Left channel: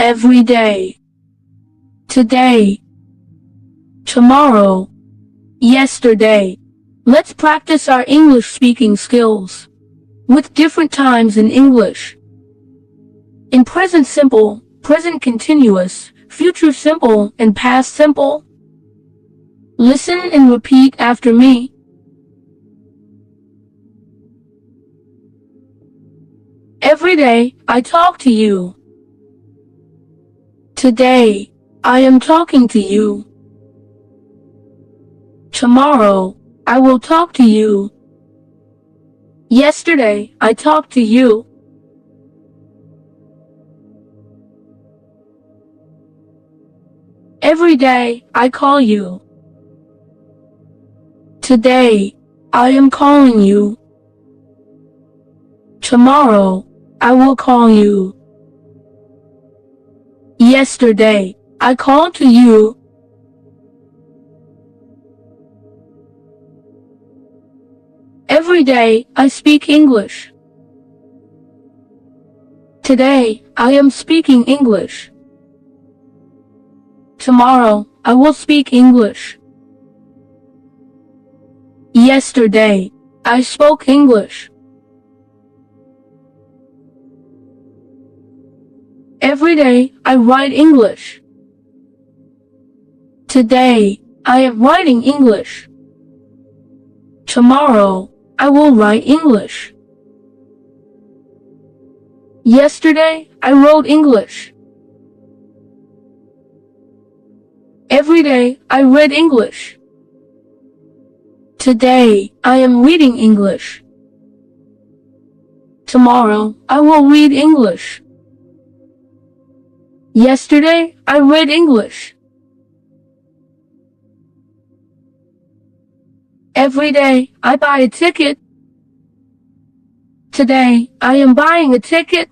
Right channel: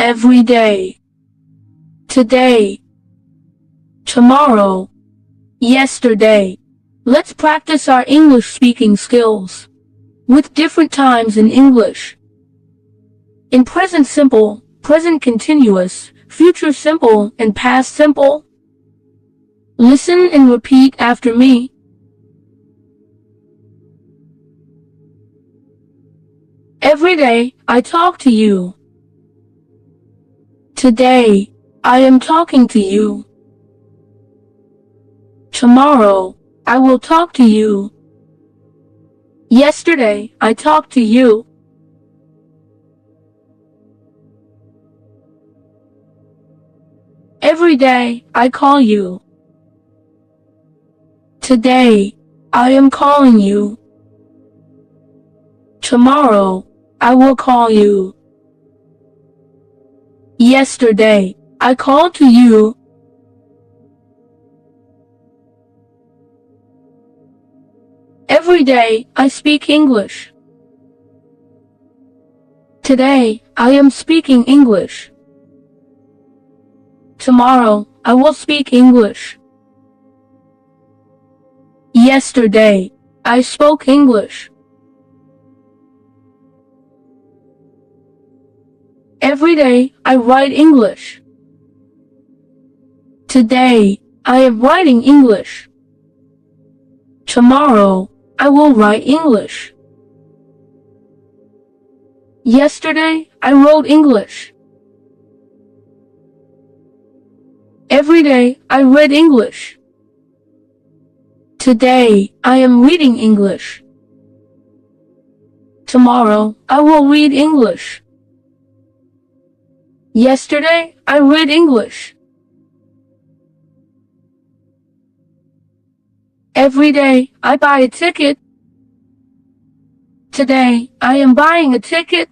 every day, today, tomorrow, yesterday. Let's practice our English speaking skills with different times in English. In present simple, present continuous, future simple, and past simple. Listen and repeat after me. Every day, I talk to you. Today, I am talking to you. Tomorrow, I will talk to you. Yesterday, I talked to you. Every day, I call you. Today, I am calling you. Tomorrow, I will call you. Yesterday, I called to you. Every day, I speak English. Today, I am speaking English. Tomorrow, I will speak English. Yesterday, I spoke English. Every day, I write English. Today, I am writing English. Tomorrow, I will write English. Yesterday, I wrote English. Every day, I read English. Today, I am reading English. Tomorrow, I will read English. Yesterday, I read English. Every day, I buy a ticket. Today, I am buying a ticket.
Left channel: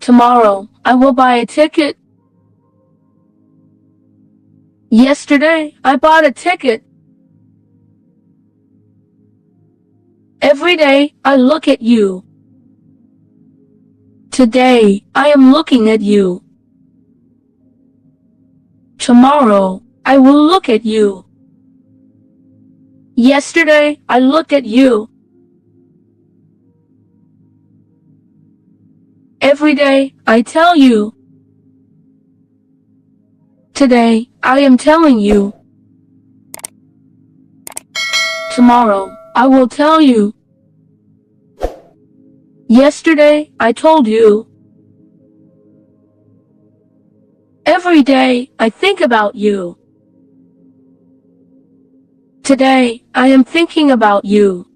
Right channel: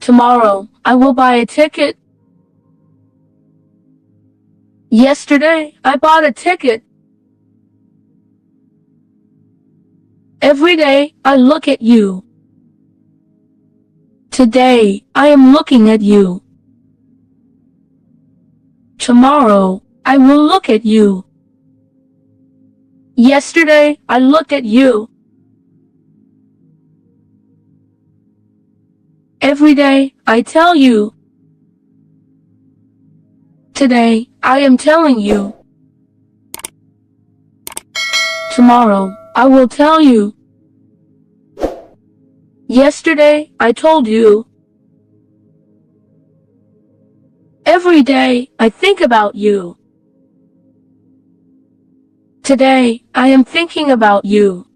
Tomorrow, I will buy a ticket. Yesterday, I bought a ticket. Every day, I look at you. Today, I am looking at you. Tomorrow, I will look at you. Yesterday, I looked at you. Every day, I tell you. Today, I am telling you. Tomorrow, I will tell you. Yesterday, I told you. Every day, I think about you. Today, I am thinking about you.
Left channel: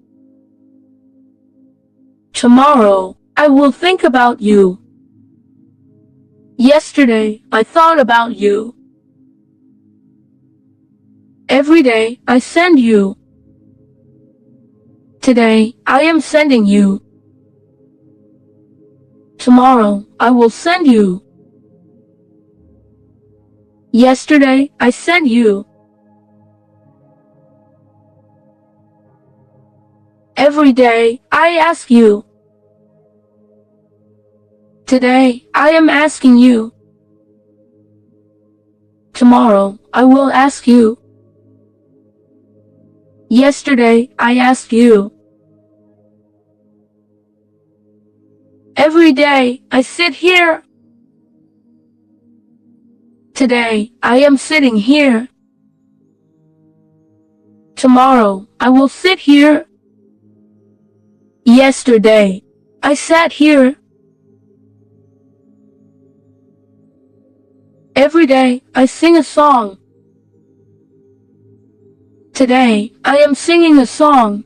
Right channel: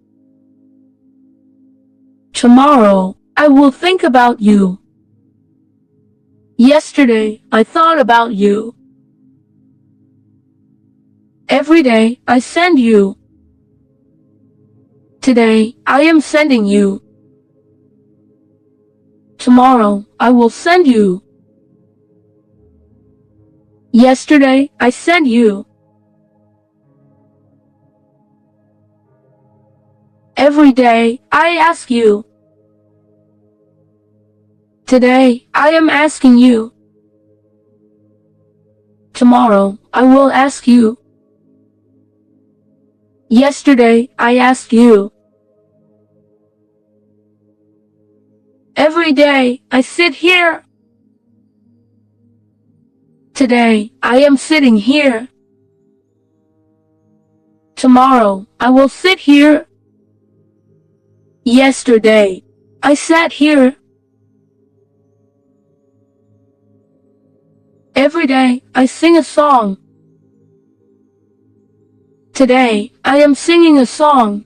Tomorrow, I will think about you. Yesterday, I thought about you. Every day, I send you. Today, I am sending you. Tomorrow, I will send you. Yesterday, I sent you. Every day, I ask you. Today, I am asking you. Tomorrow, I will ask you. Yesterday, I asked you. Every day, I sit here. Today, I am sitting here. Tomorrow, I will sit here. Yesterday, I sat here. Every day, I sing a song. Today, I am singing a song.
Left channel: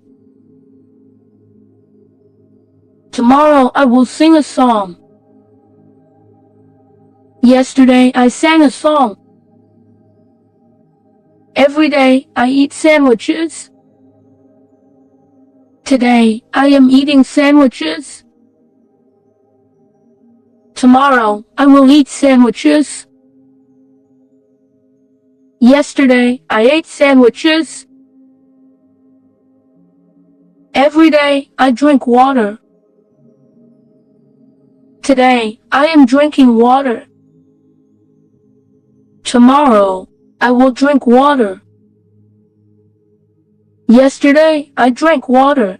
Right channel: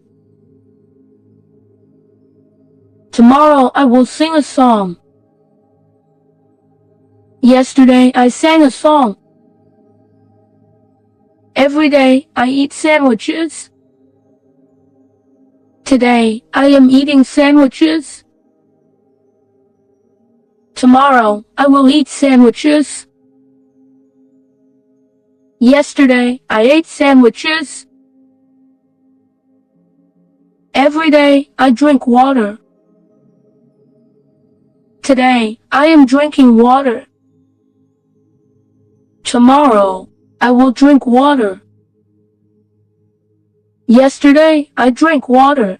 Tomorrow, I will sing a song. Yesterday, I sang a song. Every day, I eat sandwiches. Today, I am eating sandwiches. Tomorrow, I will eat sandwiches. Yesterday, I ate sandwiches. Every day, I drink water. Today, I am drinking water. Tomorrow, I will drink water. Yesterday, I drank water.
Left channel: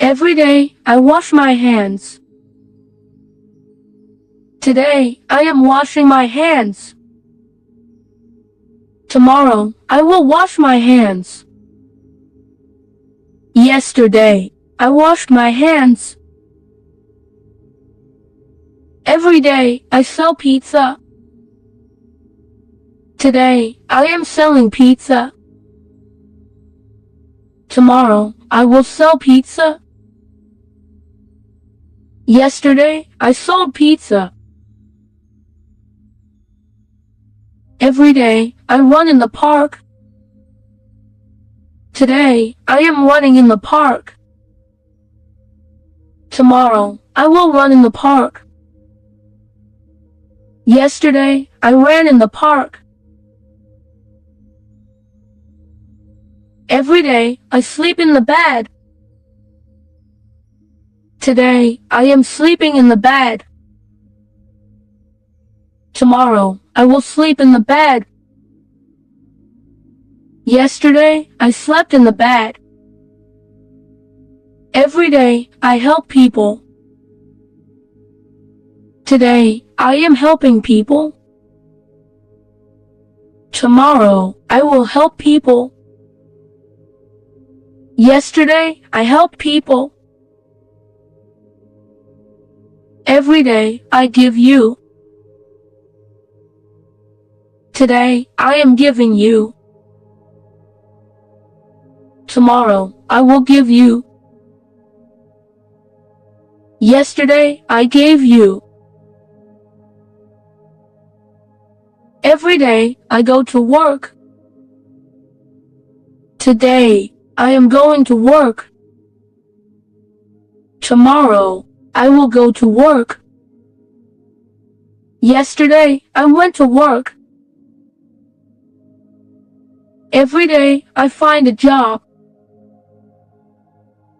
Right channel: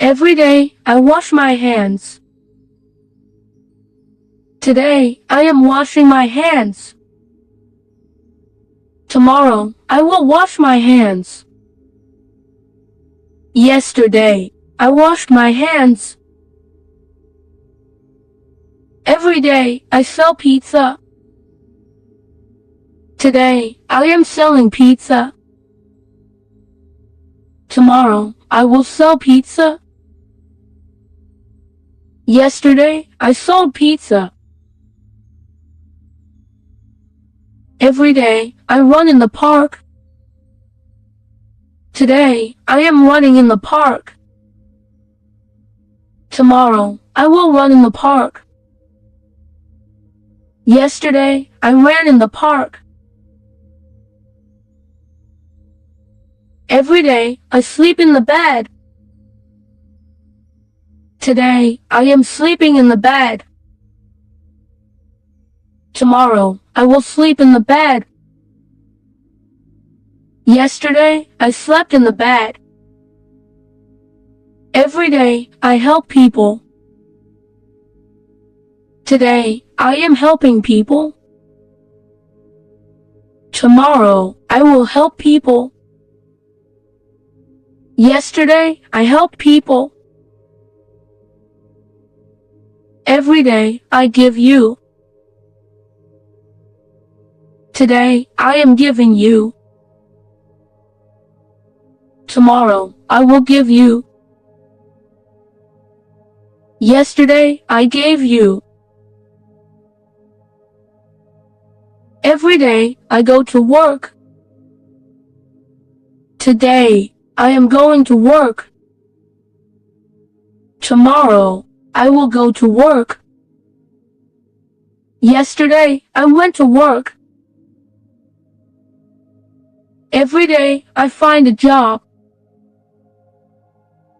Every day, I wash my hands. Today, I am washing my hands. Tomorrow, I will wash my hands. Yesterday, I washed my hands. Every day, I sell pizza. Today, I am selling pizza. Tomorrow, I will sell pizza. Yesterday, I sold pizza. Every day, I run in the park. Today, I am running in the park. Tomorrow, I will run in the park. Yesterday, I ran in the park. Every day, I sleep in the bed. Today, I am sleeping in the bed. Tomorrow, I will sleep in the bed. Yesterday, I slept in the bed. Every day, I help people. Today, I am helping people. Tomorrow, I will help people. Yesterday, I helped people. Every day, I give you. Today, I am giving you. Tomorrow, I will give you. Yesterday, I gave you. Every day, I go to work. Today, I am going to work. Tomorrow, I will go to work. Yesterday, I went to work. Every day, I find a job.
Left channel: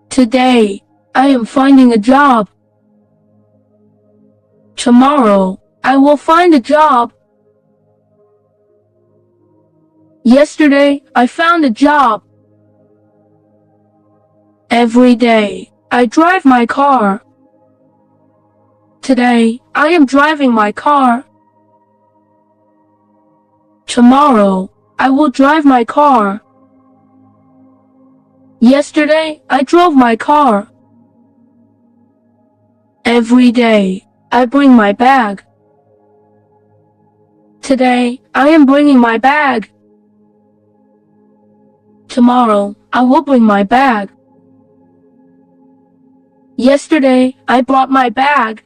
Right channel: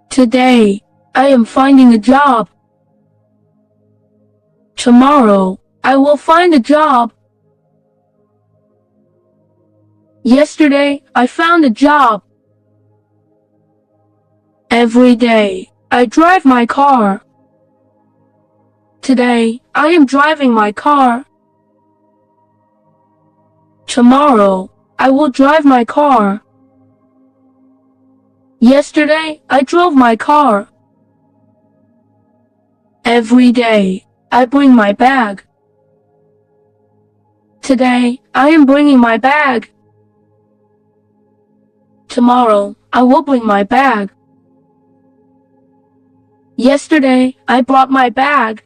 Today, I am finding a job. Tomorrow, I will find a job. Yesterday, I found a job. Every day, I drive my car. Today, I am driving my car. Tomorrow, I will drive my car. Yesterday, I drove my car. Every day, I bring my bag. Today, I am bringing my bag. Tomorrow, I will bring my bag. Yesterday, I brought my bag.